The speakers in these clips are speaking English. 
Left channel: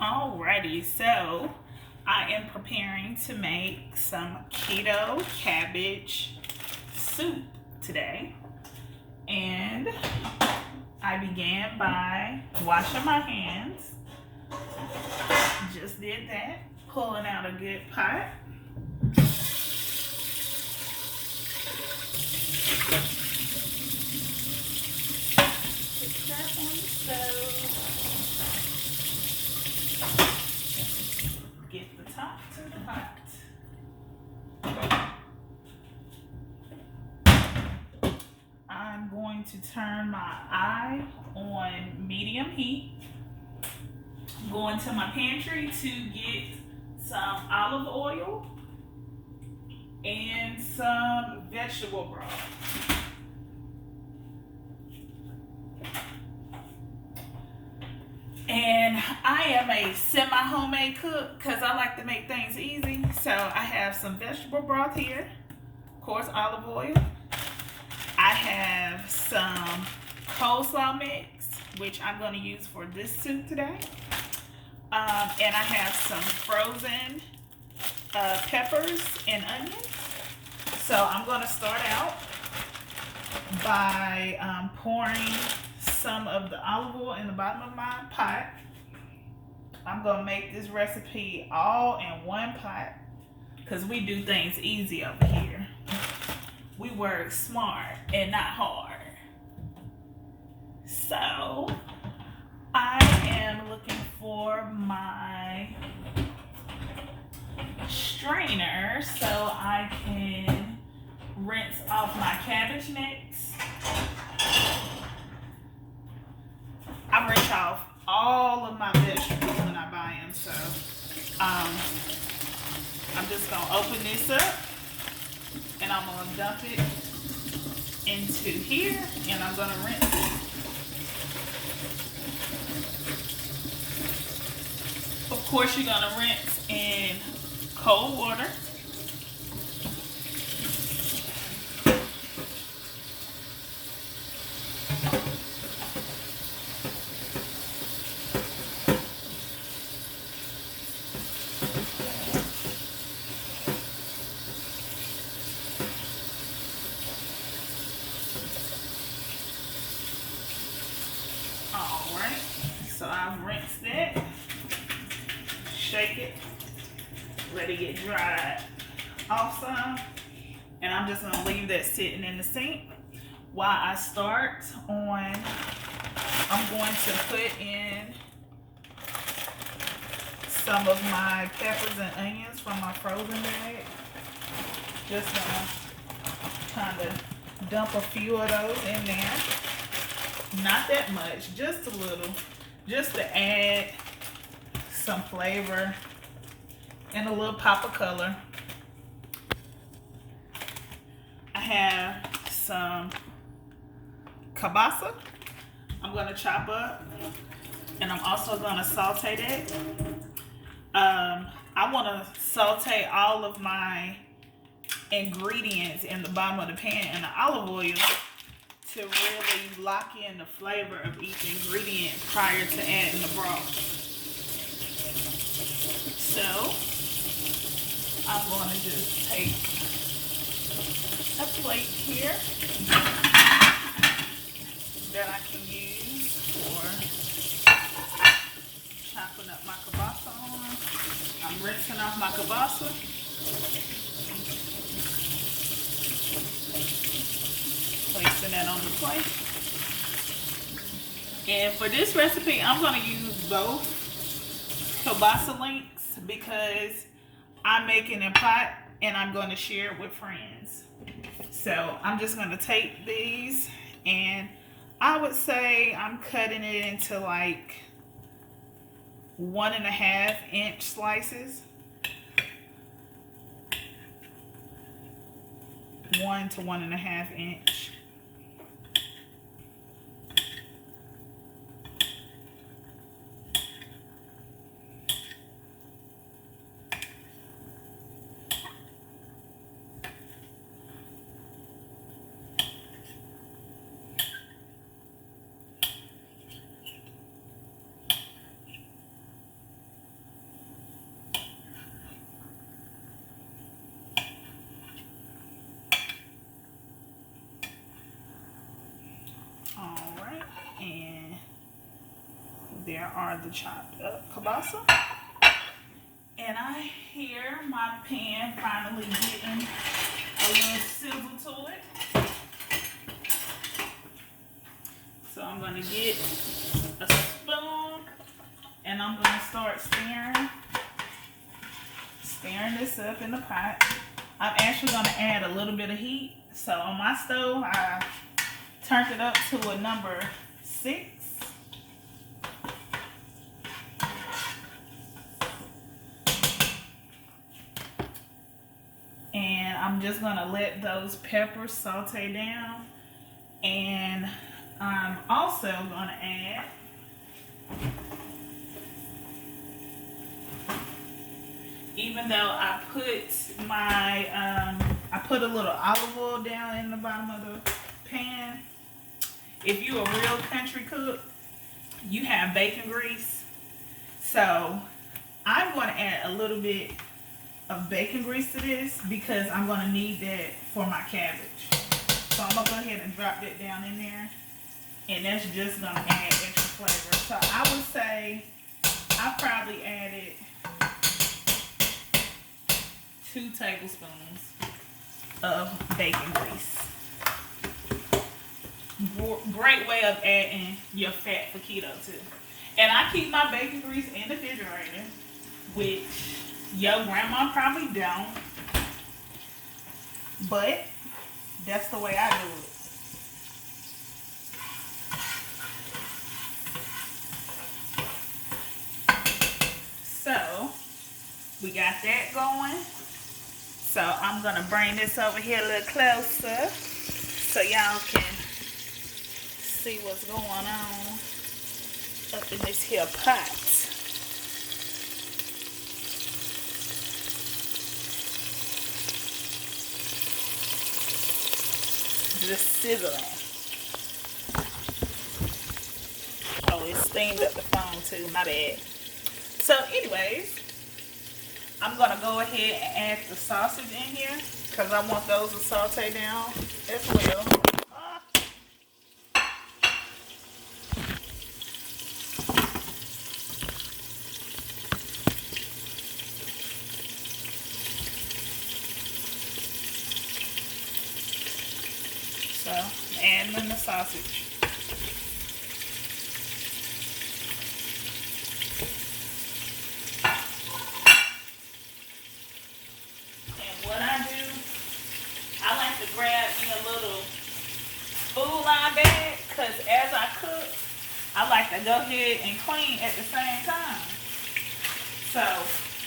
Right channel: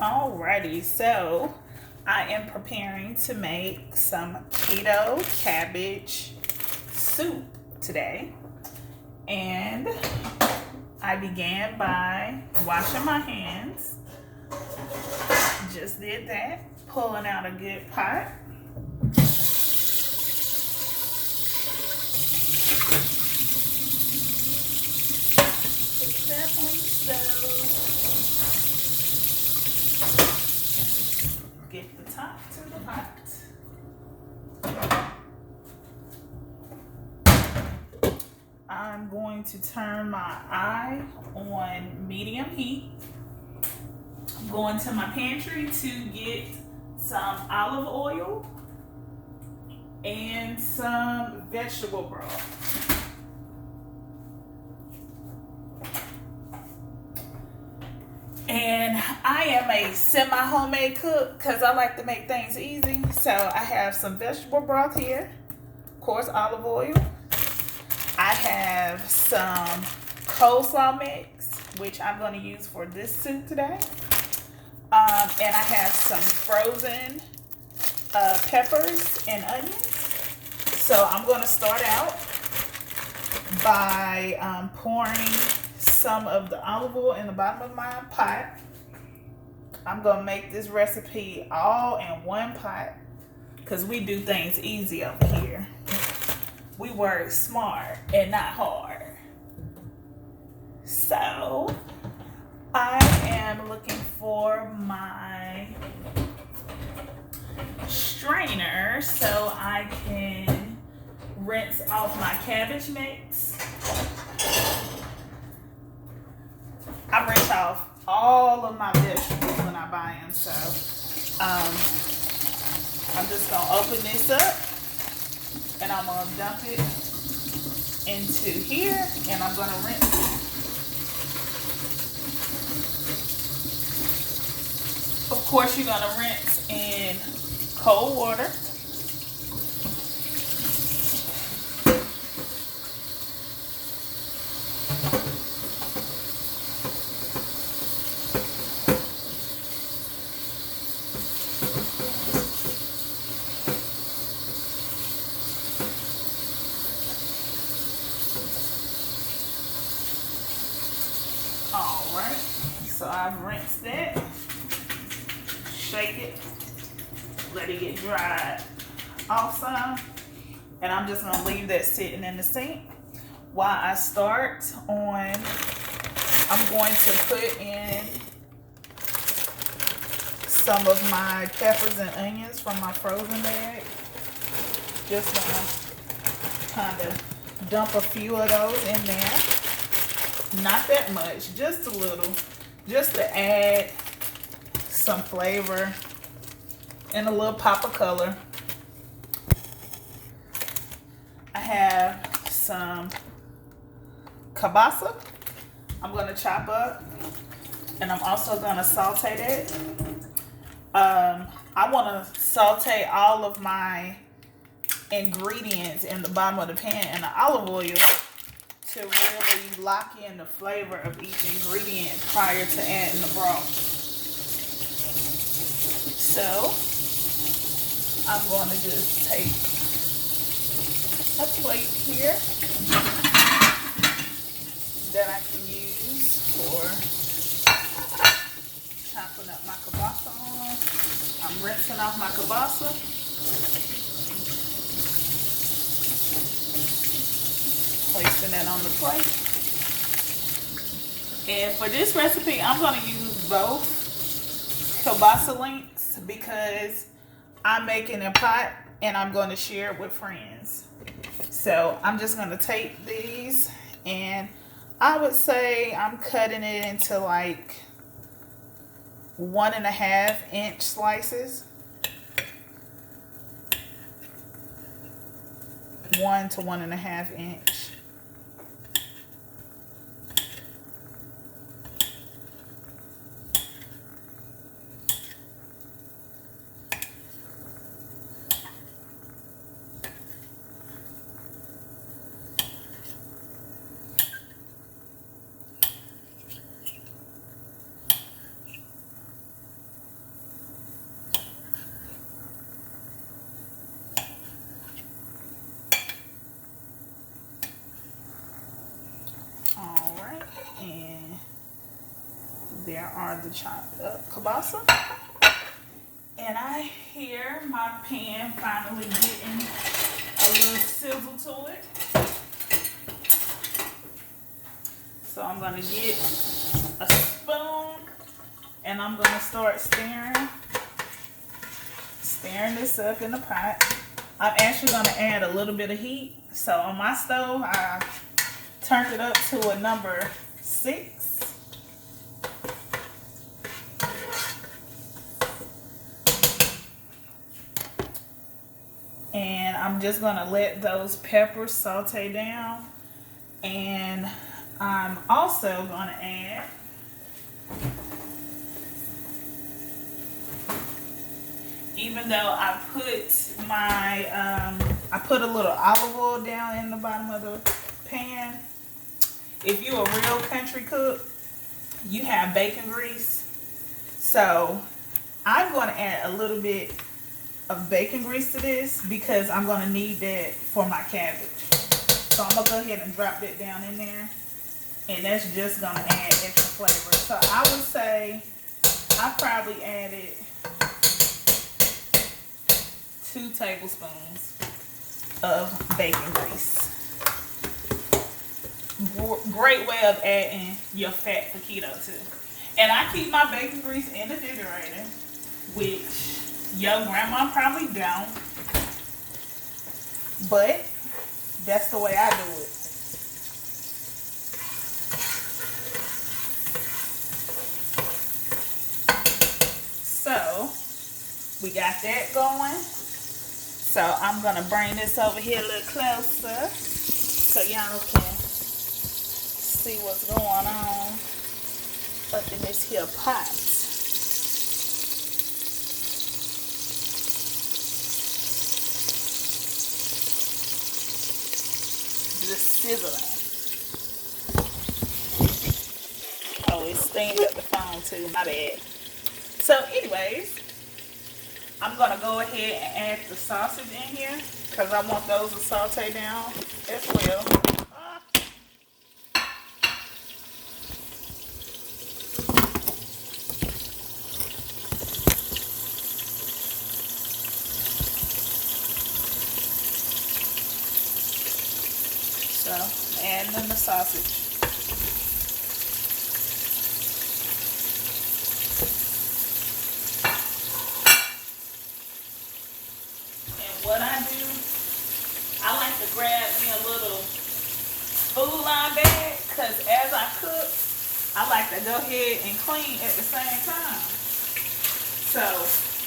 Alrighty, so I am preparing to make some keto cabbage soup today. And I began by washing my hands. Just did that, pulling out a good pot. Put that on the stove. Get the top to the pot. I'm going to turn my eye on medium heat. I'm going to my pantry to get some olive oil and some vegetable broth. And I am a semi-homemade cook because I like to make things easy. So I have some vegetable broth here, of course, olive oil. I have some coleslaw mix, which I'm going to use for this soup today. And I have some frozen peppers and onions. So I'm going to start out by pouring some of the olive oil in the bottom of my pot. I'm going to make this recipe all in one pot because we do things easy over here. We work smart and not hard. So I am looking for my strainer so I can rinse off my cabbage mix. I rinse off all of my vegetables when I buy them, so I'm just gonna open this up and I'm gonna dump it into here and I'm gonna rinse it. Of course, you're gonna rinse in cold water. Alright, so I've rinsed it. Shake it, let it get dried off some, and I'm just gonna leave that sitting in the sink while I start on. I'm going to put in some of my peppers and onions from my frozen bag. Just gonna kind of dump a few of those in there. Not that much, just a little, just to add some flavor and a little pop of color. I have some kielbasa I'm going to chop up, and I'm also going to saute it. I want to saute all of my ingredients in the bottom of the pan in the olive oil to really lock in the flavor of each ingredient prior to adding the broth. So I'm going to just take a plate here that I can use for chopping up my kielbasa on. I'm rinsing off my kielbasa. Placing that on the plate. And for this recipe, I'm going to use both kielbasa links because I'm making a pot and I'm going to share it with friends. So I'm just going to take these, and I would say I'm cutting it into like 1.5 inch slices. 1 to 1.5 inch. There are the chopped up kielbasa. And I hear my pan finally getting a little sizzle to it. So I'm going to get a spoon and I'm going to start stirring this up in the pot. I'm actually going to add a little bit of heat. So on my stove, I turned it up to a number 6. And I'm just going to let those peppers saute down. And I'm also going to add even though I put my, I put a little olive oil down in the bottom of the pan. If you're a real country cook, you have bacon grease. So I'm going to add a little bit of bacon grease to this because I'm going to need that for my cabbage. So I'm going to go ahead and drop that down in there. And that's just going to add extra flavor. So I would say I probably added 2 tablespoons of bacon grease. Great way of adding your fat for keto too. And I keep my bacon grease in the refrigerator, which your grandma probably don't, but that's the way I do it. So we got that going. So I'm gonna bring this over here a little closer so y'all can see what's going on up in this here pot. Just sizzling. Oh, it steamed up the phone too, my bad. So anyways, I'm gonna go ahead and add the sausage in here because I want those to saute down as well. So adding in the sausage. Grab me a little food line bag because as I cook, I like to go ahead and clean at the same time. So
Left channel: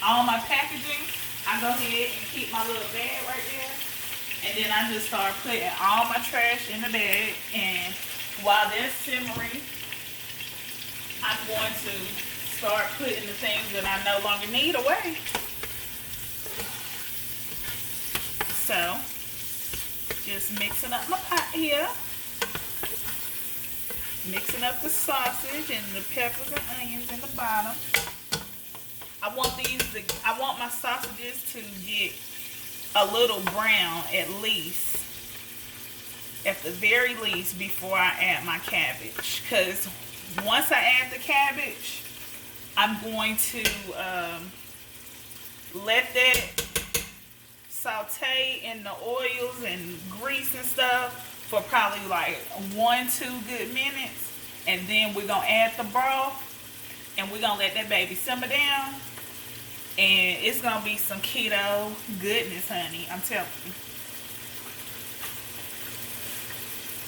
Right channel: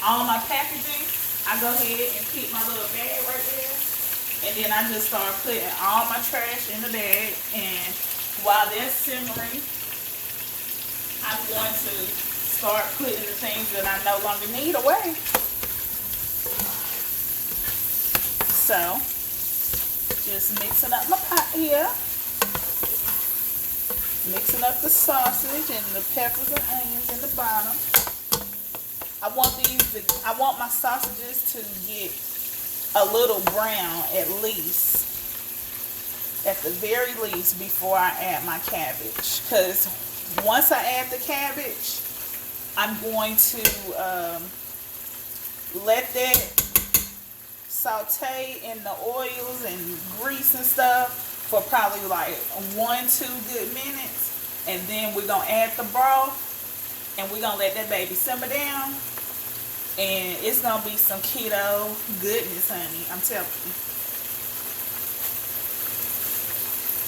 all my packaging, I go ahead and keep my little bag right there, and then I just start putting all my trash in the bag. And while they're simmering, I'm going to start putting the things that I no longer need away. So just mixing up my pot here. Mixing up the sausage and the peppers and onions in the bottom. I want my sausages to get a little brown at least. At the very least before I add my cabbage. Because once I add the cabbage, I'm going to let that saute in the oils and grease and stuff for probably like 1-2 good minutes, and then we're gonna add the broth and we're gonna let that baby simmer down, and it's gonna be some keto goodness, honey, I'm telling you.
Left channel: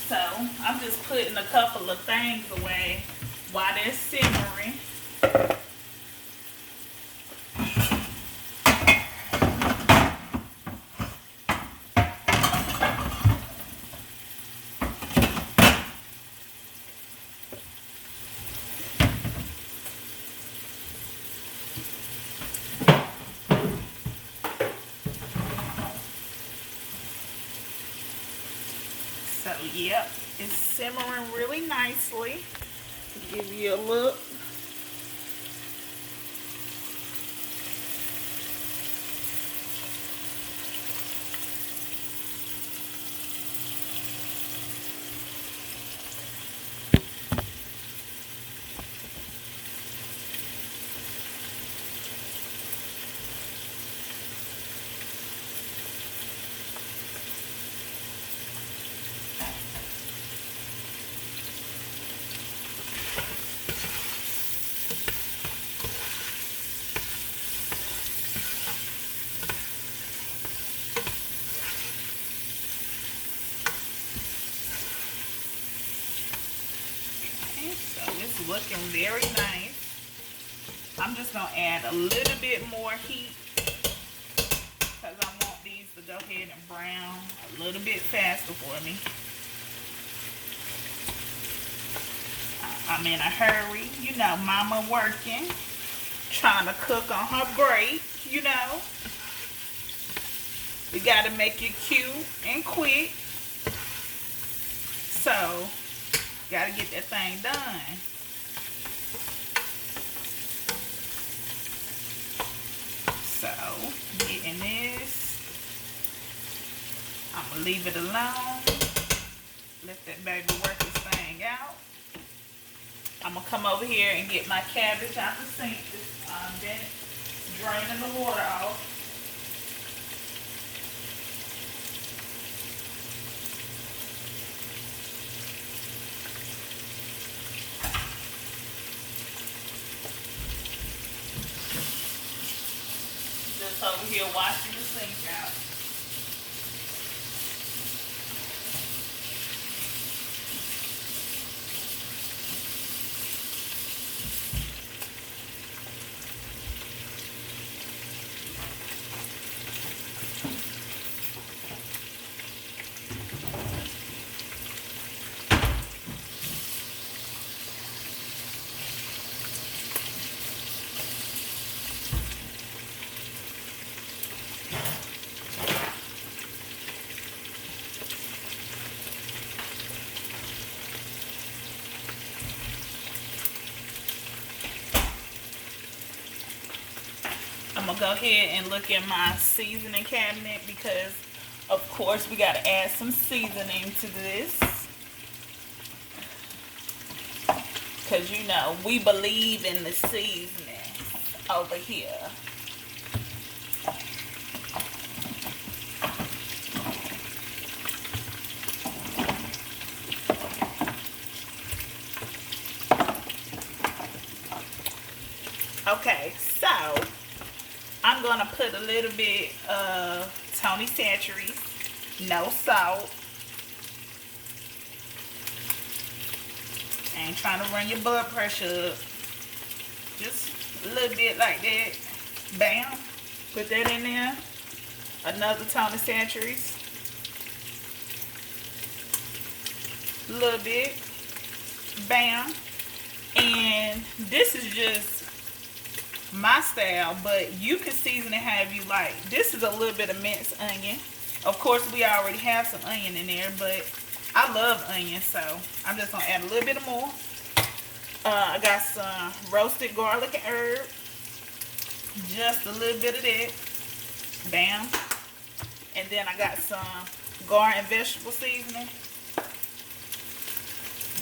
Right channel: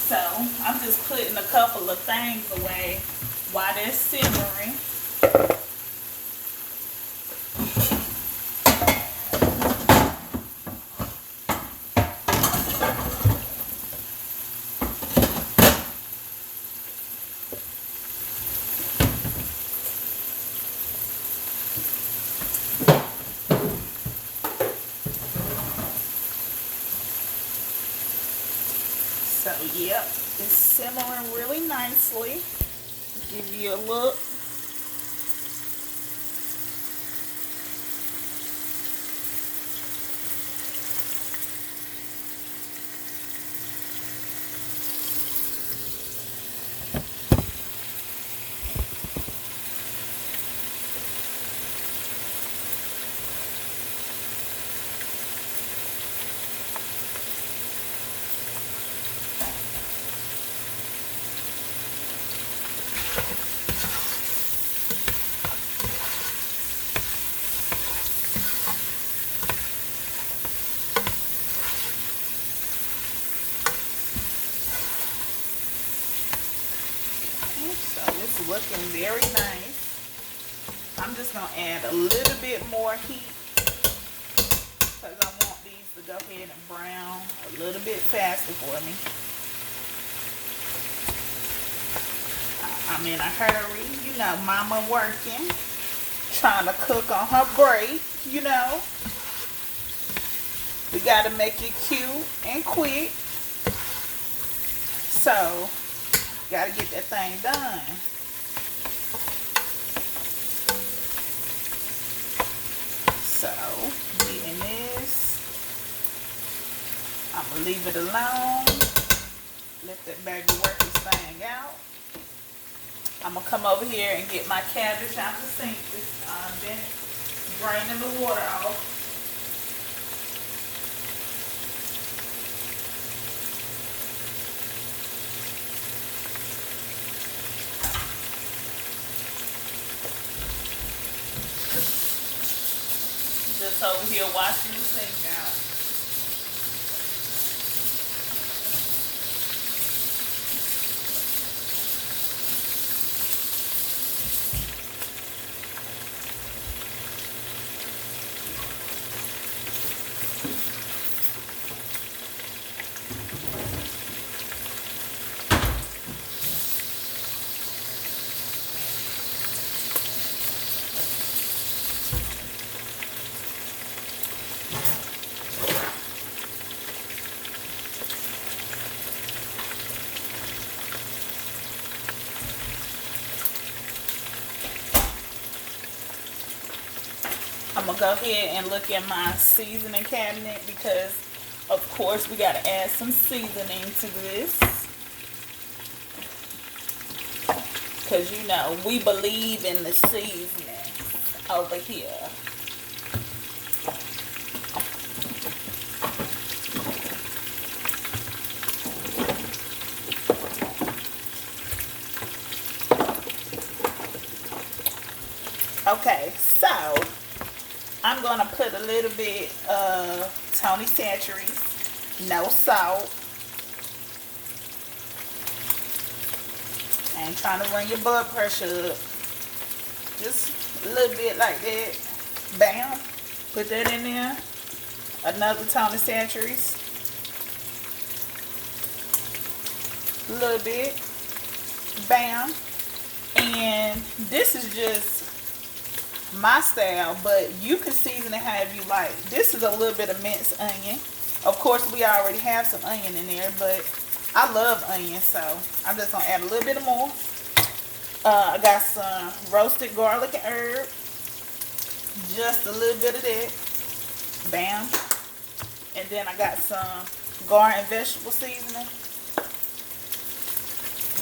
So I'm just putting a couple of things away while they're simmering. So, yep, it's simmering really nicely. Give you a look. looking very nice. I'm just gonna add a little bit more heat because I want these to go ahead and brown a little bit faster for me. I'm in a hurry, you know, mama working, trying to cook on her break, you know. We gotta make it cute and quick. So, gotta get that thing done. So, getting this. I'm gonna leave it alone. Let that baby work this thing out. I'm gonna come over here and get my cabbage out the sink. Then draining the water off. Just over here washing the sink out. I'm gonna go ahead and look at my seasoning cabinet because of course we gotta add some seasoning to this. Cause you know, we believe in the seasoning over here. Okay, so I'm gonna put a little bit of Tony Chachere's, no salt. Ain't trying to run your blood pressure up. Just a little bit like that. Bam. Put that in there. Another Tony Chachere's. A little bit. Bam. And this is just my style, but you can season it however you like. This is a little bit of minced onion. Of course, we already have some onion in there, but I love onion, so I'm just gonna add a little bit more. I got some roasted garlic and herb. Just a little bit of that. Bam. And then I got some garden vegetable seasoning.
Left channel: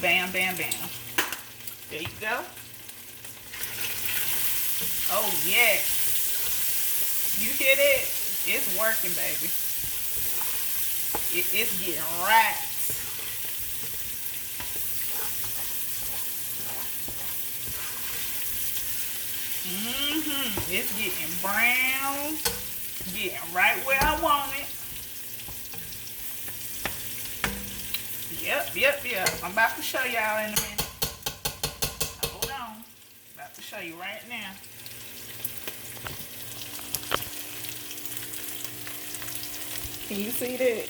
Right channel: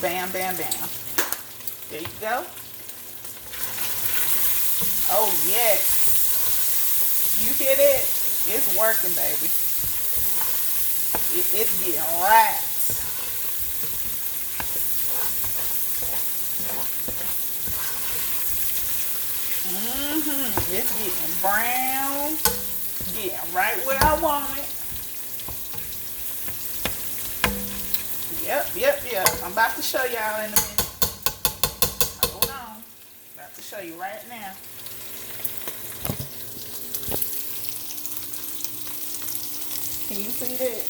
Bam, bam, bam. There you go. Oh, yes. You hear that? It's working, baby. It's getting right. It's getting brown. Getting right where I want it. Yep. I'm about to show y'all in a minute. Hold on. About to show you right now. Can you see that?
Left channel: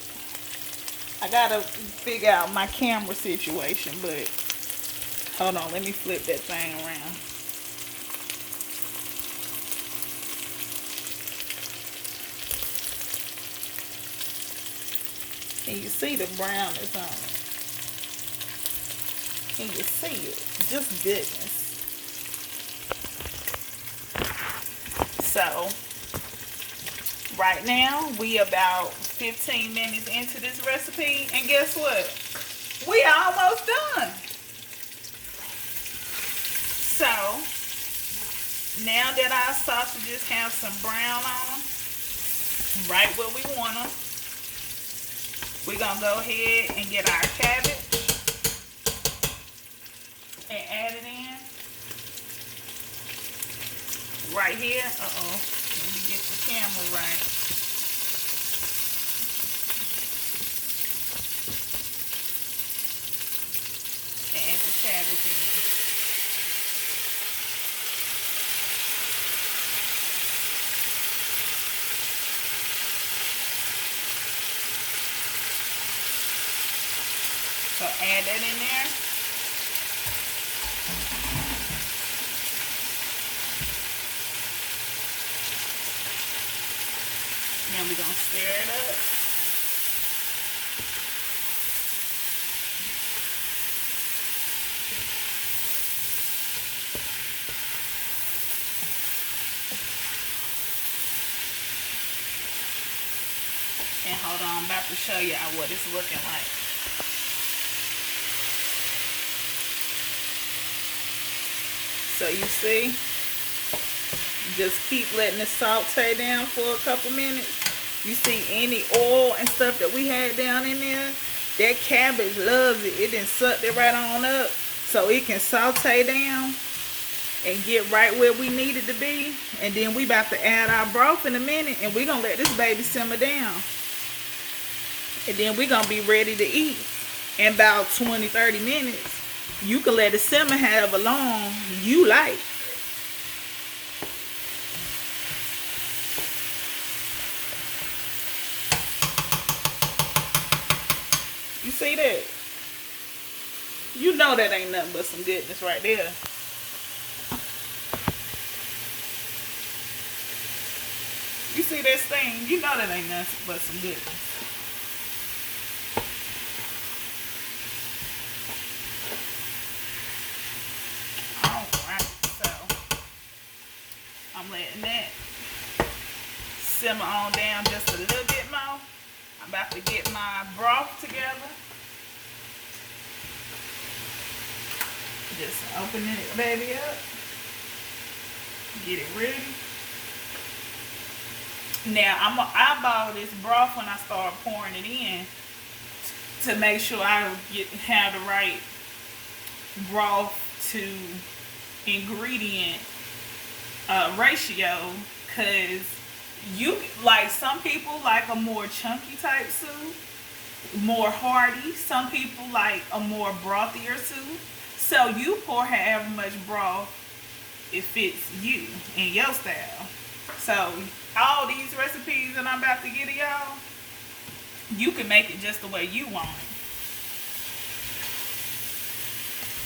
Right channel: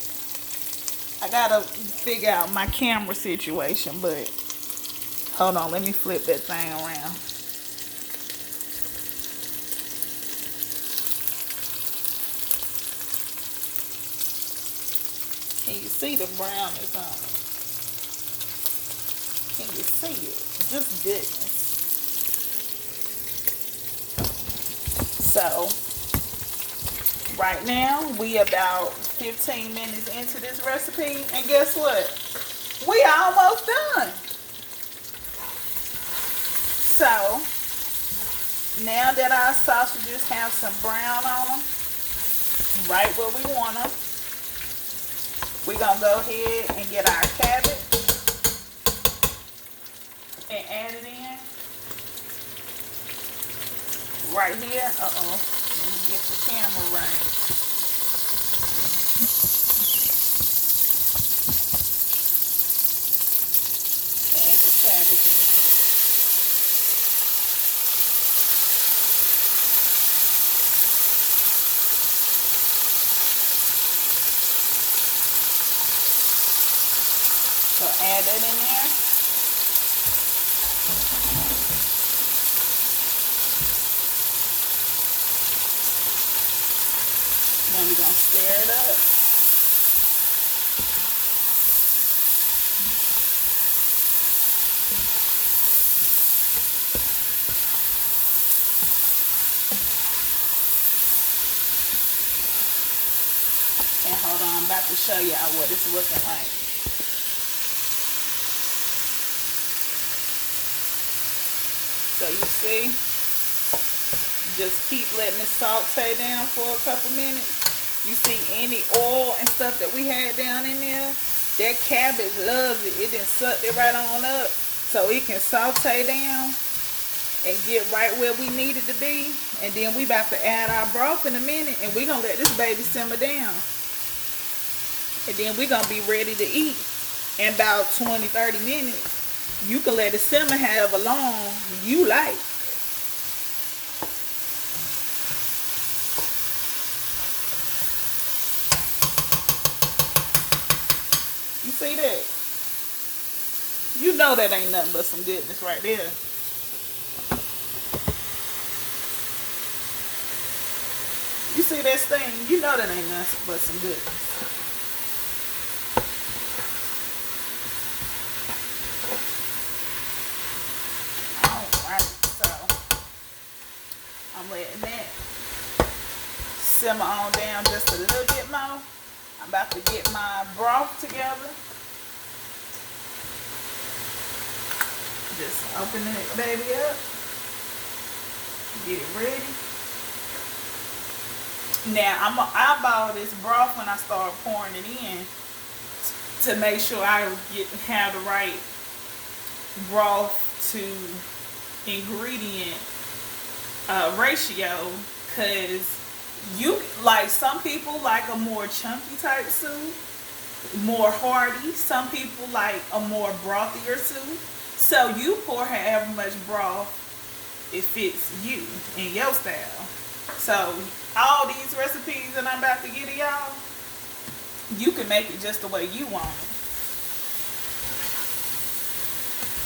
I gotta figure out my camera situation, but hold on, let me flip that thing around. Can you see the brownness on it? Can you see it? Just goodness. So, right now, we about 15 minutes into this recipe, and guess what? We almost done. So, now that our sausages have some brown on them, right where we want them, we're going to go ahead and get our cabbage and add it in. Right here. Uh-oh. Let me get the camera right. Add the cabbage in. So add that in there. Then we're gonna stir it up. And hold on, I'm about to show y'all what it's looking like. So you see, just keep letting it saute down for a couple minutes. You see any oil and stuff that we had down in there? That cabbage loves it. It done sucked it right on up so it can saute down and get right where we need it to be. And then we about to add our broth in a minute, and we're gonna let this baby simmer down. And then we're gonna be ready to eat in about 20-30 minutes. You can let it simmer however long you like. You see that? You know that ain't nothing but some goodness right there. You see this thing? You know that ain't nothing but some goodness. I'm letting that simmer on down just a little bit more. I'm about to get my broth together. Just open it baby up. Get it ready. Now I'm gonna eyeball this broth when I start pouring it in to make sure I have the right broth to ingredient ratio, because you like, some people like a more chunky type soup, more hearty. Some people like a more brothier soup. So you pour however much broth it fits you and your style. So all these recipes that I'm about to get y'all, you can make it just the way you want it.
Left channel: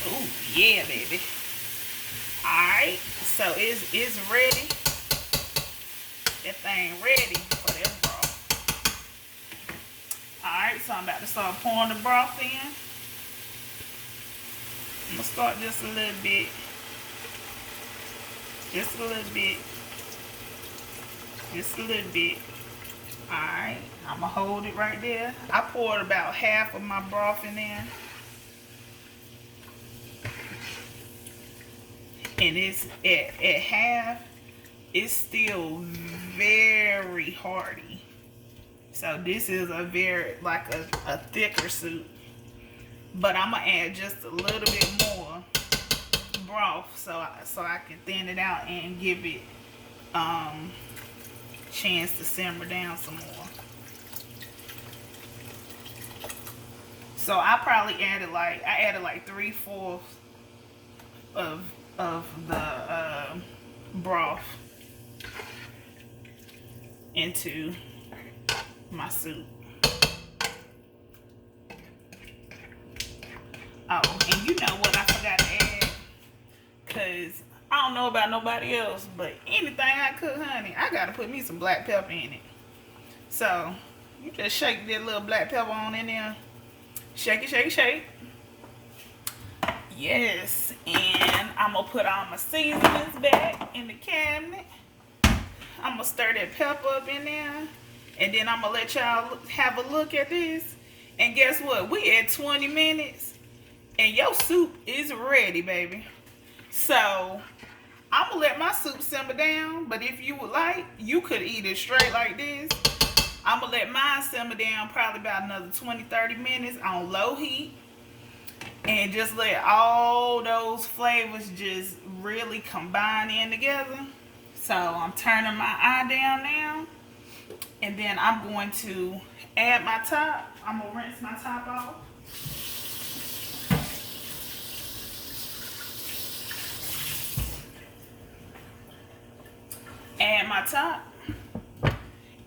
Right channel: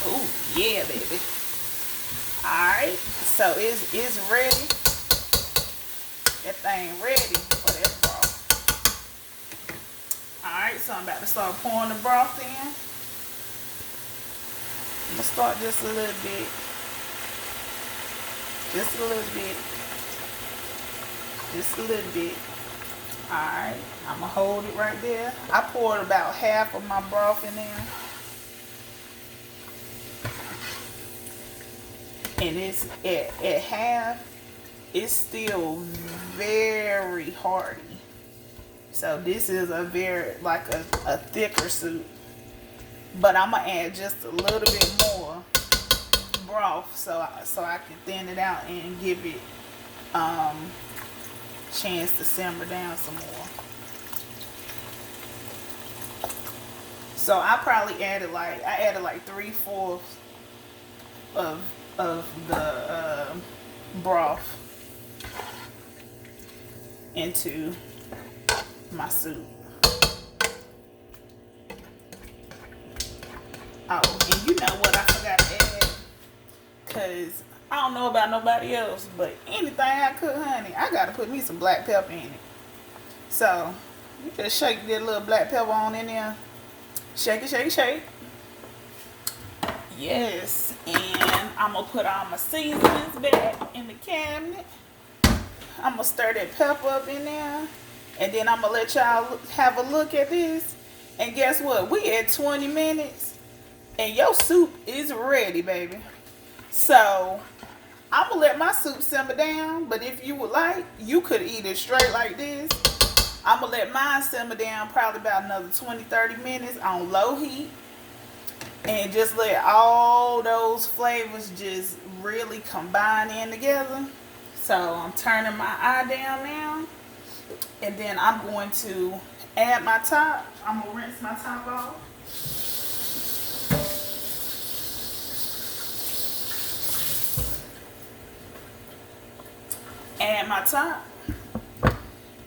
Oh yeah, baby. Alright, so it's ready. That thing ready for that broth. Alright, so I'm about to start pouring the broth in. I'm gonna start just a little bit. Just a little bit. Just a little bit. Alright, I'm gonna hold it right there. I poured about half of my broth in there. And it's at half, it's still very hearty. So this is a very, like a thicker soup. But I'm gonna add just a little bit more broth so I can thin it out and give it chance to simmer down some more. So I probably added like 3/4 of the broth into my soup. Oh, and you know what I forgot to add, because I don't know about nobody else, but anything I cook, honey, I gotta put me some black pepper in it. So you just shake that little black pepper on in there. Shake it, shake it, shake. Yes, and I'm gonna put all my seasonings back in the cabinet. I'm gonna stir that pepper up in there, and then I'm gonna let y'all have a look at this. And guess what? We at 20 minutes, and your soup is ready, baby. So I'm gonna let my soup simmer down, but if you would like, you could eat it straight like this. I'm gonna let mine simmer down probably about another 20-30 minutes on low heat. And just let all those flavors just really combine in together. So I'm turning my eye down now. And then I'm going to add my top. I'm going to rinse my top off. Add my top.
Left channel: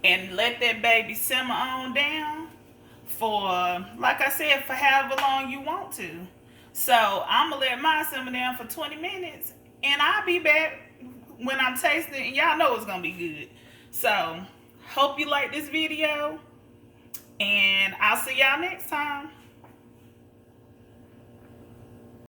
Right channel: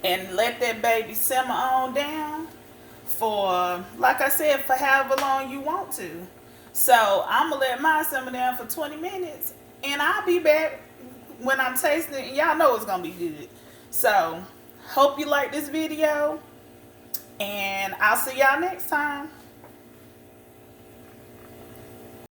And let that baby simmer on down for, like I said, for however long you want to. So I'm gonna let mine simmer down for 20 minutes, and I'll be back when I'm tasting it, and y'all know it's gonna be good. So hope you like this video, and I'll see y'all next time.